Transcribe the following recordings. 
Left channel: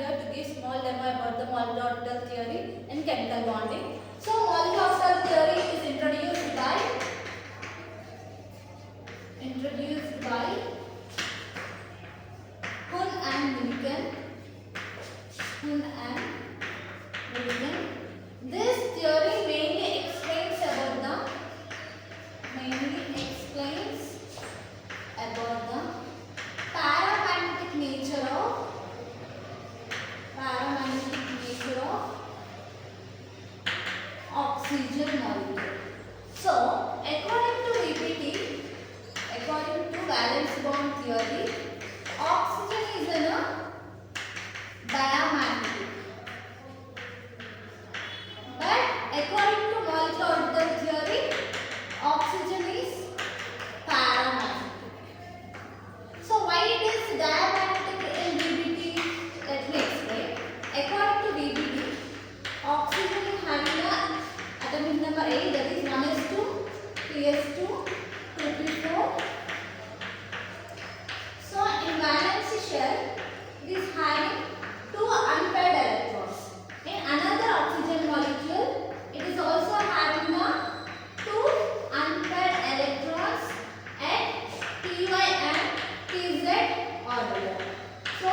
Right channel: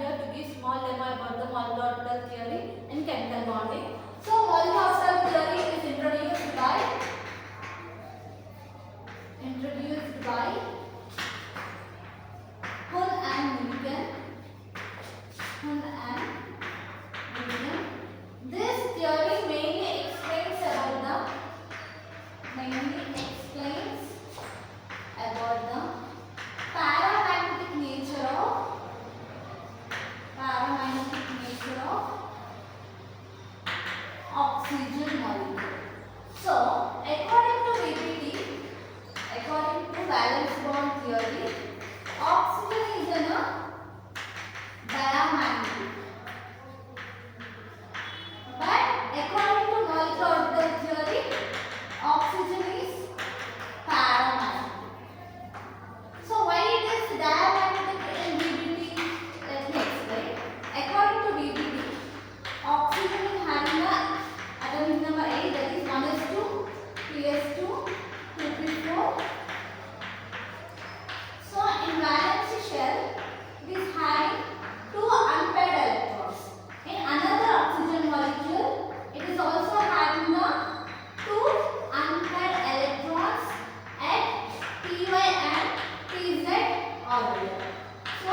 here to give small demo about the orbital theory in chemical bonding. So orbital theory is introduced by Hun and Millikan. This theory mainly explains about the paramagnetic nature of oxygen molecule. So, according to valence bond theory, oxygen is a diamagnetic. But according to molecular orbital theory, oxygen is paramagnetic. So why it is diamagnetic in VBT? Let me explain. According to VBT, oxygen is having a atomic number 8, that is 1s2, 3s2, 2p4. So in valence shell, it is having 2 unpaired electrons. In another oxygen molecule, it is also having the 2 unpaired electrons at py and pz orbital. So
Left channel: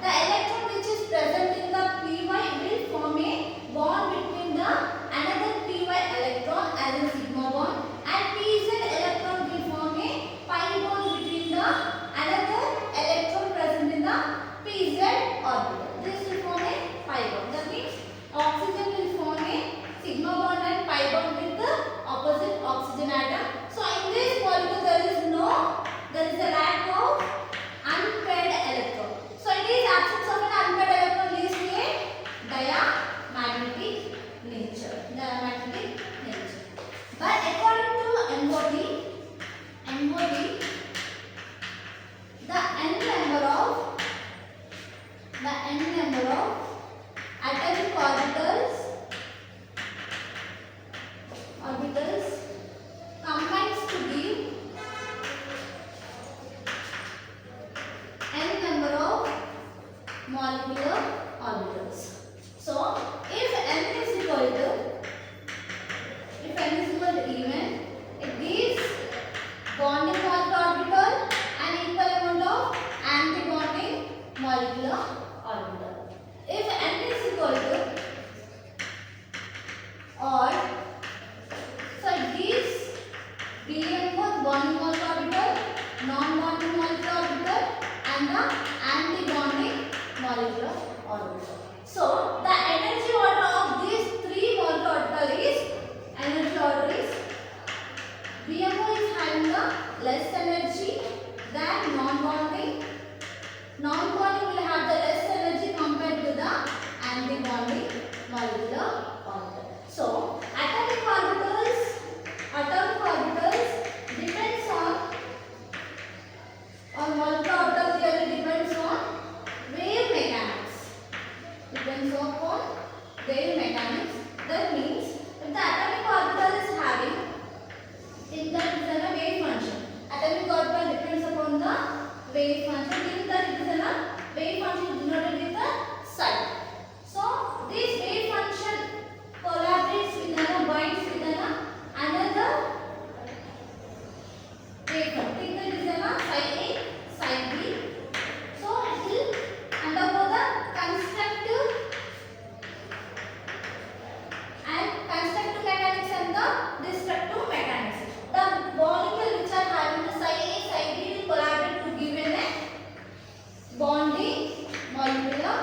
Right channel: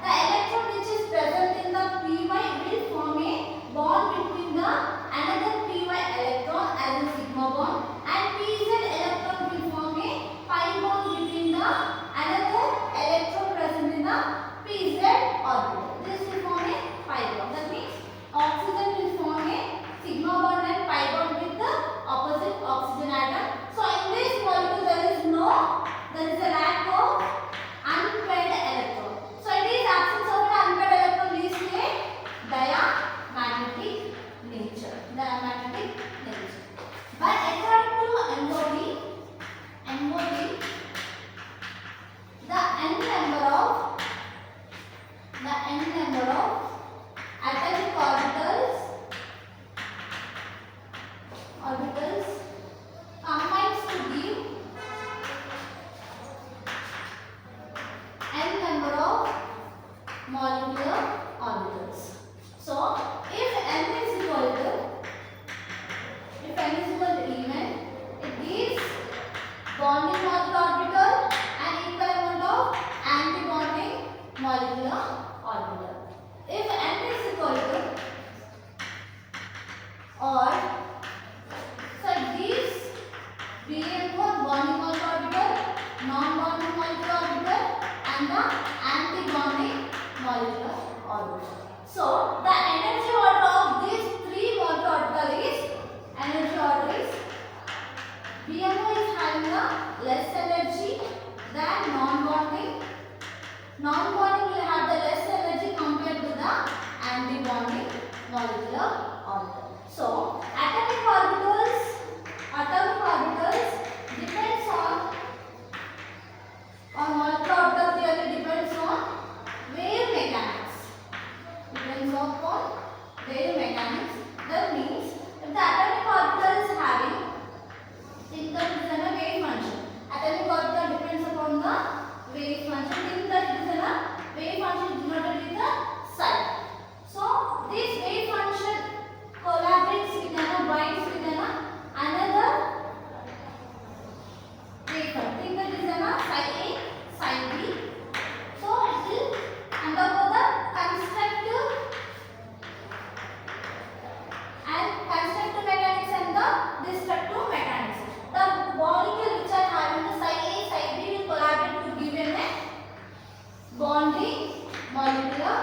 the electron which is present in the py will form a bond between the another py electron as a sigma bond, and pz electron will form a pi bond between the another electron present in the pz orbital. This will form a pi bond. That means oxygen will form a sigma bond and pi bond with the opposite oxygen atom. So in this molecule there is a lack of unpaired electron. So it is absence of an unpaired electron leads to a diamagnetic nature. But according to MOD, the n number of atomic orbitals combines to give n number of molecular orbitals. So if n is equal to even, it gives bonding molecular orbital and equal amount of anti-bonding molecular orbital. If n is equal to odd, so it gives BN for bonding molecular orbital, non-bonding molecular orbital and the anti-bonding molecular orbital. So the energy order of these 3 molecular orbital is BMO is having a less energy than non-bonding. Non-bonding will have the less energy compared to the anti-bonding molecular orbital. So atomic orbitals depends on molecular orbital theory depends on wave mechanics. That means if the atomic orbital is having, think that it is a wave function. Atomic orbital depends upon the wave function. Think that it is a wave function denoted with the psi. So this wave function collaborates with binds with another wave function. Think that it is a psi A, psi B. So it will undergo the constructive mechanics and the destructive mechanics. The molecule which are having the psi A, psi B will collaborate to give a bonding molecular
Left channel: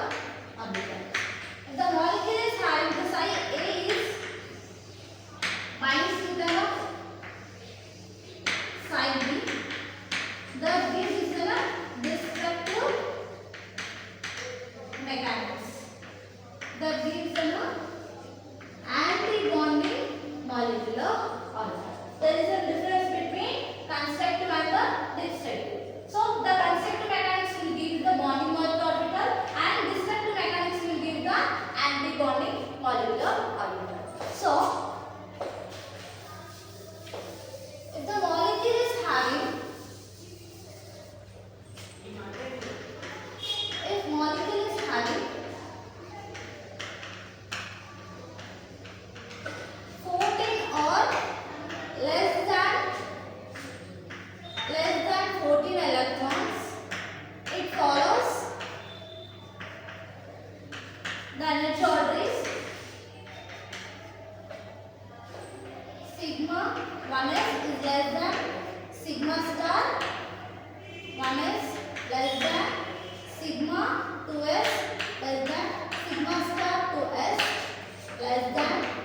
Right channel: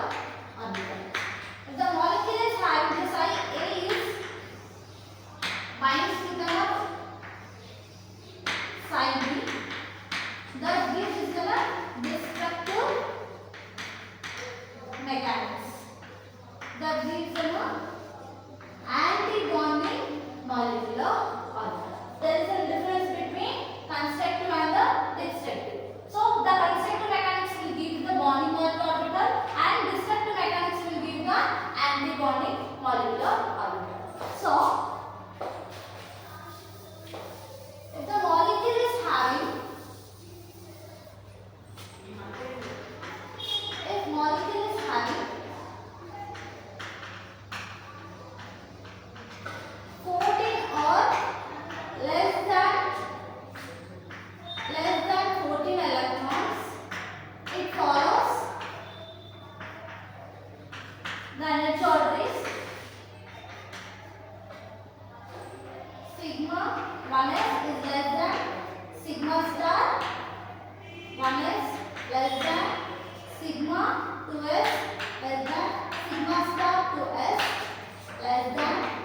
orbital. If the molecule is having the psi A is binds with the psi B, that gives the destructive mechanics. That gives the anti-bonding molecular orbital. There is a difference between constructive and the destructive. So the constructive mechanics will give the bonding molecular orbital and destructive mechanics will give sigma 2s less than sigma star 2s less than